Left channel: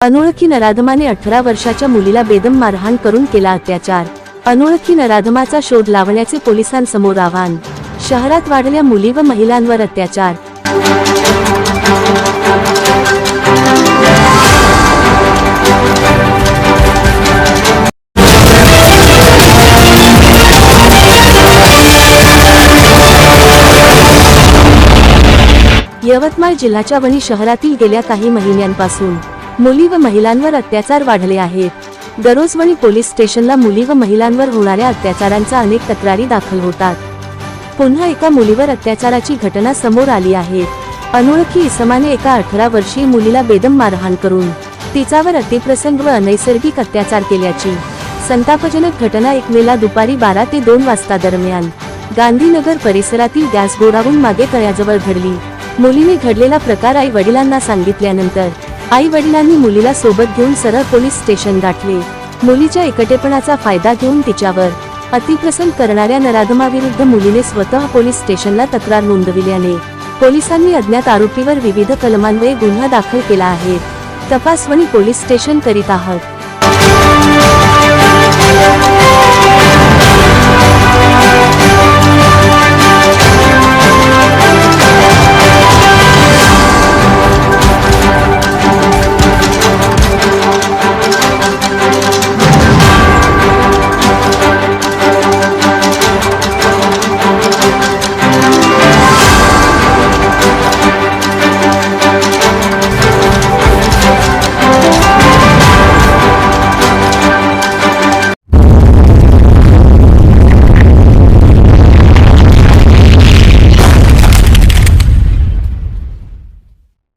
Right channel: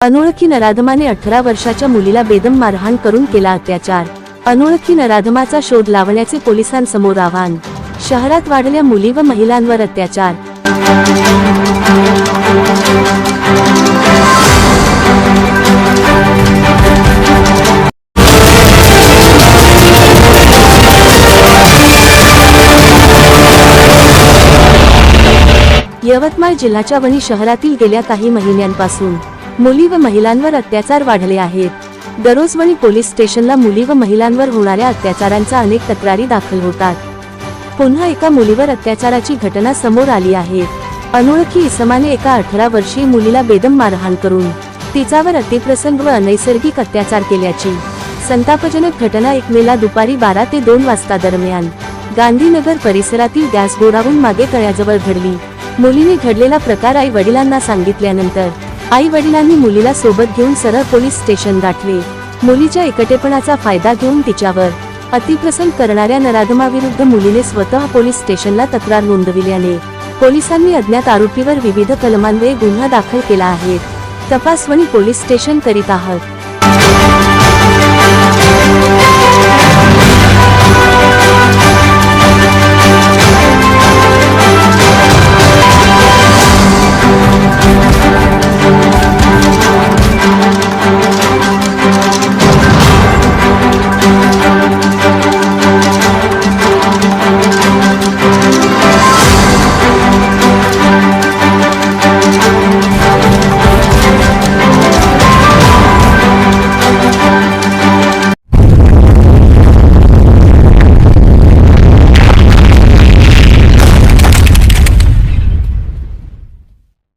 अनोळखी नराधमाने अठरा वर्षाच्या मुलीला बेदम मारहाण करून केला अत्याचार. अनोळखी नराधमाचा शोध लावण्याचे पोलिसांसमोर आव्हान. शहरात वाढल्या मुली व महिलांवर अत्याचार. यवतमाळ जिल्ह्याच्या वणी शहरातील गेल्या काही महिन्यांपासून मुली व महिलांवर अत्याचार वाढले आहेत. दरोजवणी पोलीस स्टेशनला मुली व महिलांवर होणाऱ्या अत्याचारांचा अनेक तक्रारी दाखल होतात. पुन्हा एका मुलीवर अत्याचाराची घटना समोर आली आहे. अनोळखी इसमाने एका अठरा वर्षीय मुलीला बेदम मारहाण करून तिच्यावर अतिप्रसंग व अनैसर्गिक अत्याचार केल्याची संतापजनक घटना एक मेला दुपारी बारा ते दोन वाजता दरम्यान गांधीनगर परिसरातील गॅस गोडाऊन मागे तळ्याजवळ घडली. मुलीने घडलेला प्रकार आई वडिलांना सांगितल्यानंतर आई वडिलांनी मुलीला सोबत घेऊन सरळ पोलीस स्टेशन गाठले. मुलीच्या एकटेपणाचा फायदा घेऊन तिच्यावर अतिप्रसंग करणाऱ्या नराधमाविरुद्ध मुलीने स्वतः पोलीस स्टेशनला तक्रार नोंदविल्याने पोलिसांनी अज्ञात आरोपीवर विविध कलमांवये गुन्हा दाखल केला आहे. तपासवणी पोलीस स्टेशन करीत आहात.